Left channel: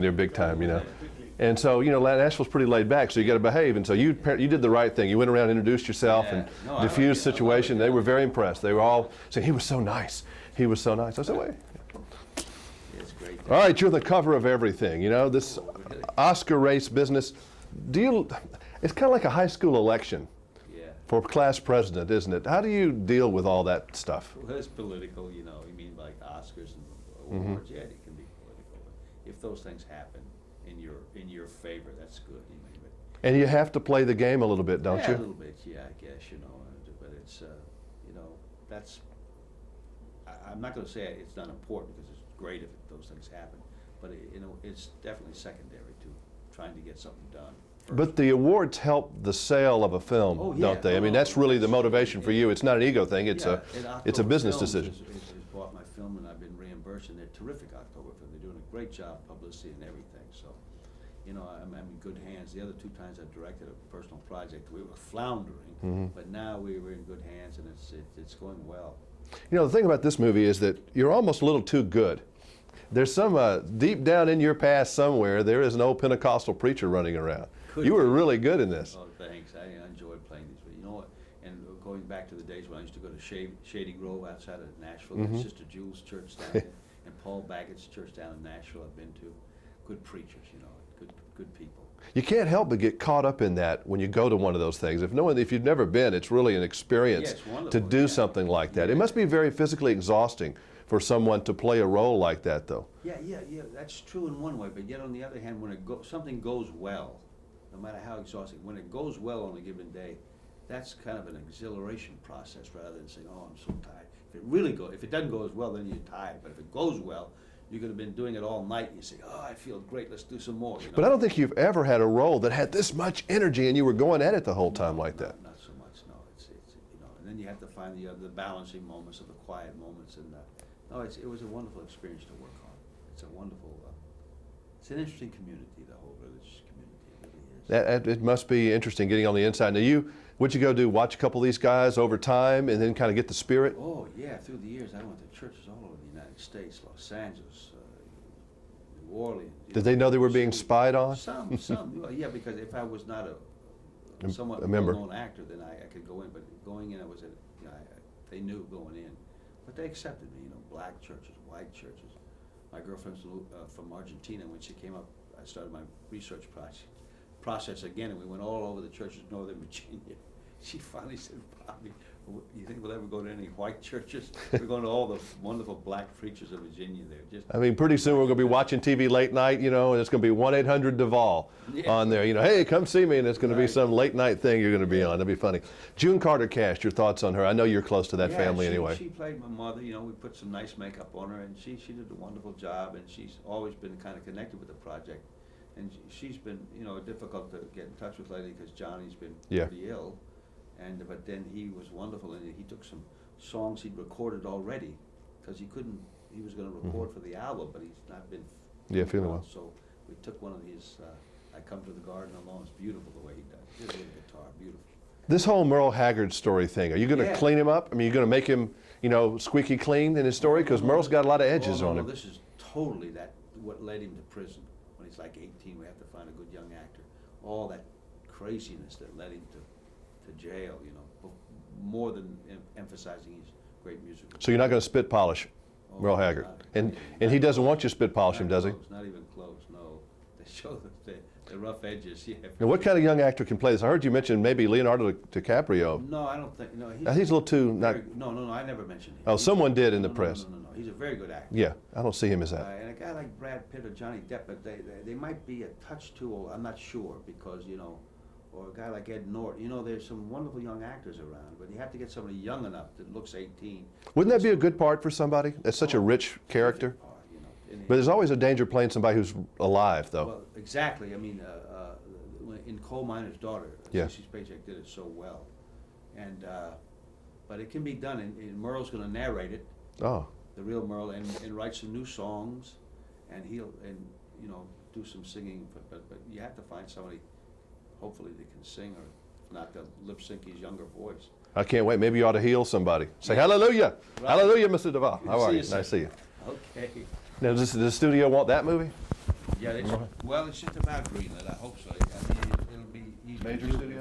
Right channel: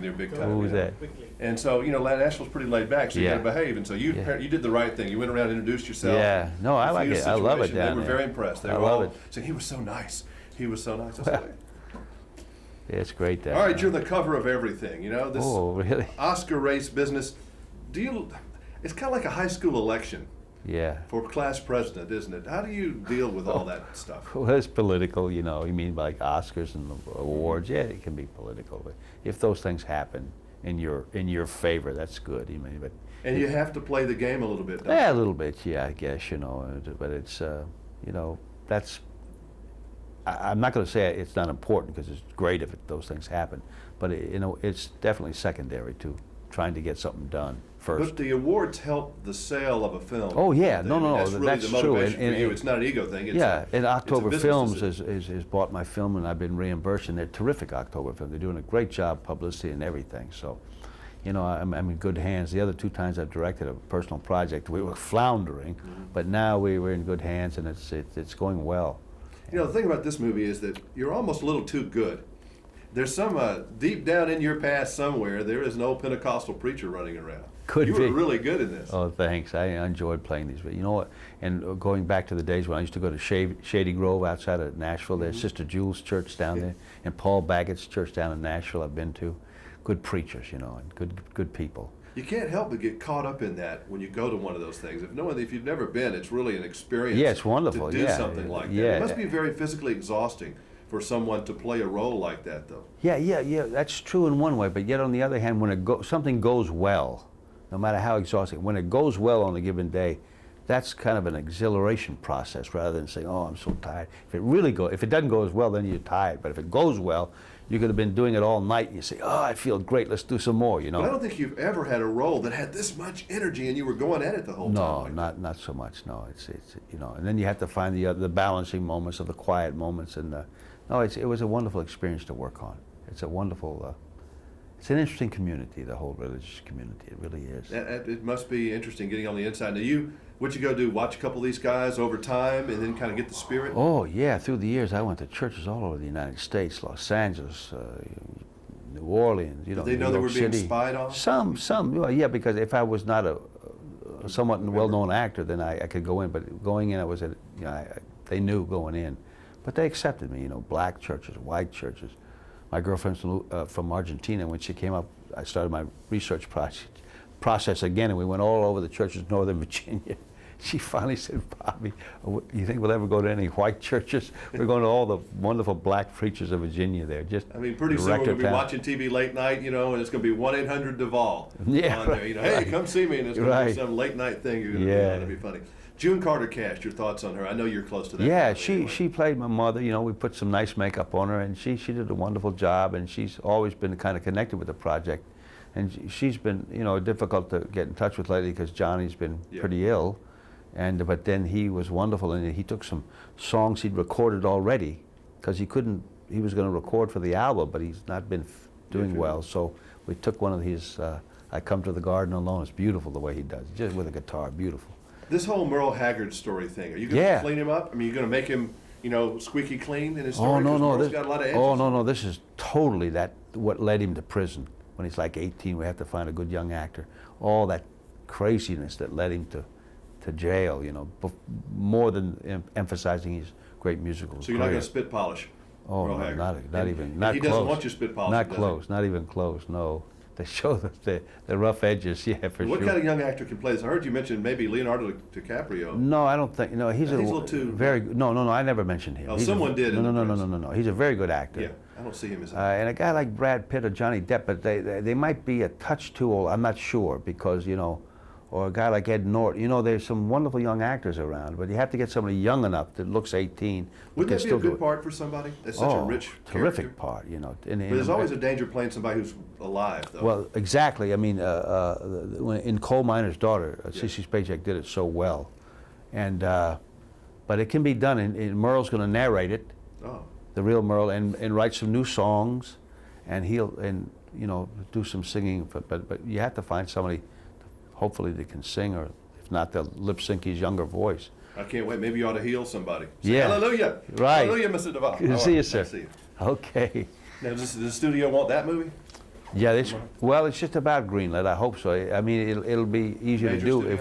they're big time, Who you was know. that? And so, you know, Nashville's pretty laid back, so you Yeah. got to behave. And so you did the right thing. You went around and introduced yourself. Yeah. And No, I like diffused it. I love it situation. They down were there. very impressed. They I were love all it. saying, he was so nice. He was so nice. I said, wait. Yeah, it's great. All right, you're the cover of everything. You know, this Oh, really? Oscar race business. It's kind of like a high school election Yeah. for class president, isn't it? How do you deal with all that stuff? Well, it's political, you know. You mean like Oscars and awards? Yeah, it can be political. But if those things happen in your favor, that's good. You mean, but And you have to play the game a little bit, don't yeah, you? a little bit. Yeah, I guess, you know. But it's you know, that's. I'm not going to say it's not important because it's great if those things happen, but you know, it's definitely secondary to trying to get something done first. But the awards help the sale of a film. Oh, yeah. don't they? No, I mean, no, that's really that's the motivation true. for you. It's not an ego thing. It's yeah, and it's a October business Films decision. has bought my film, and I've been reimbursed, and they're terrific October Films. They're doing a great job, publicity and everything. So, you know, I'm in good hands. The other two times I've directed a personal project, we were floundering, but now we're in good hands, and it's going well. You know, the thing about this movie is that you're almost a little too good. There's some deep down in your past somewhere, there is an old Pentecostal preacher running around. You were really good in this. Oh, thanks. I enjoyed playing these. You know what? And going back to the days when I used to go to Shady Grove outside of Nashville, there's Sister Jules Church down there, and Paul Baggett's church down in Nashville I've been to. Good preachers, you know, and good people. You can't help but get caught up in that when you go to one of those things. If you've never been, it's really an experience. Yeah, it's wonderful. To do something like that. Yeah. It must be very physically exhausting for someone to play a role like that, though. Yeah. That's true in one way, but yet on the other hand, when something goes well, no matter how exhausting, when it goes well on a given day, that's kind of an exhilaration process rather than saying, "Oh, I'm so tired." If it doesn't go as well, then you're tired. But if it goes well, you could have been doing it all night, and you say, "Oh, I feel great. Let's do some more." You know. But I don't think you've ever had a role that had this much energy, and you were going at it the whole time like that. No, not so much. No, it's you know, and then you have to find the balancing moments or the quiet moments, and no, it was a wonderful experience to work on. It's a wonderful. It's an interesting community, the whole religious community. It really is. It must be interesting getting on the inside. Now, what'd you go do? Watch a couple of these guys over time, and then kind of get the spirit. Oh yeah, through the years, I went to churches all over the United States, Los Angeles, New Orleans. Did they know they were being spied on? Some. Well, yeah, because if I was not a somewhat well-known actor, then I could go in. But going in, they knew going in, but they accepted me. You know, black churches, white churches. My girlfriend's from Argentina. When she came up, I started my research process again, and we went all over the churches in Northern Virginia. She finally said, "Bobby, you think we'll ever go to any white churches? We're going to all the wonderful black preachers of Virginia there." Pretty soon we're going to be watching TV late night, you know, and it's going to be 1-800-Duvall on there. You know, hey, come see me, and it's going to be some late night thing you're going to be on. It'll be funny. June Carter Cast, your thoughts on her? I know you're close to that family anyway. She played my mother. You know, we put some nice makeup on her, and she did a wonderful job, and she's always been kind of connected with the project. And she's been, you know, difficult to get in touch with lately because Johnny's been pretty ill. But then he was wonderful, and he took some songs he'd recorded already because he was going to record for the album, but he's not been doing well. So we took one of his, I Come to the Garden Alone. It's beautiful the way he does it, just with a guitar, beautiful. This whole Merle Haggard story thing, are you going to clean him up? I mean, you're going to make him, you know, squeaky clean in his story? Because Merle's got a lot of edges on him. No, this is totally what led him to prison. When he's like 18, we have to find a good young actor. All that craziness that led him to jail, you know, more than emphasizing his great musical. So you're not going to spit polish Merle Haggard? Not even. And he doesn't want you spit polishing, does he? Not close, not even close, no. They show the rough edges, yeah, for sure. What kind of young actor can play this? I heard you mention maybe Leonardo DiCaprio. No, I don't think, no, he's a little too... No, I never mentioned him. Oh, someone did in the press. No, he's a very good actor. Yeah, I don't see him as that. And a guy like Brad Pitt or Johnny Depp, but they might be a touch too old, I'm not sure, because, you know, or a guy like Ed Norton. You know, there's some wonderful young actors around, but you have to get somebody young enough that looks 18. Wouldn't that be a good part for somebody? That's such a rich character. Terrific part, you know. But there's always a danger playing somebody who's alive, though. Well, exactly. I mean, in Coal Miner's Daughter, Cece Spacek did it so well, and but it can be done. And Merle's going to narrate it. Oh. The real Merle, and write some new songs, and you know, do some singing. But you have to find somebody, hopefully, that can sing, or if not, they'll lip sync his younger voice. I can't wait. Maybe you ought to heal somebody. Say Yeah. hallelujah. Right. Hallelujah, Mr. Duvall. Good to see you, sir. Nice to see you. Okay. Now, does the studio want that movie? Yeah, well, it's just about greenlit. I hope so. I mean, it'll be easier to do if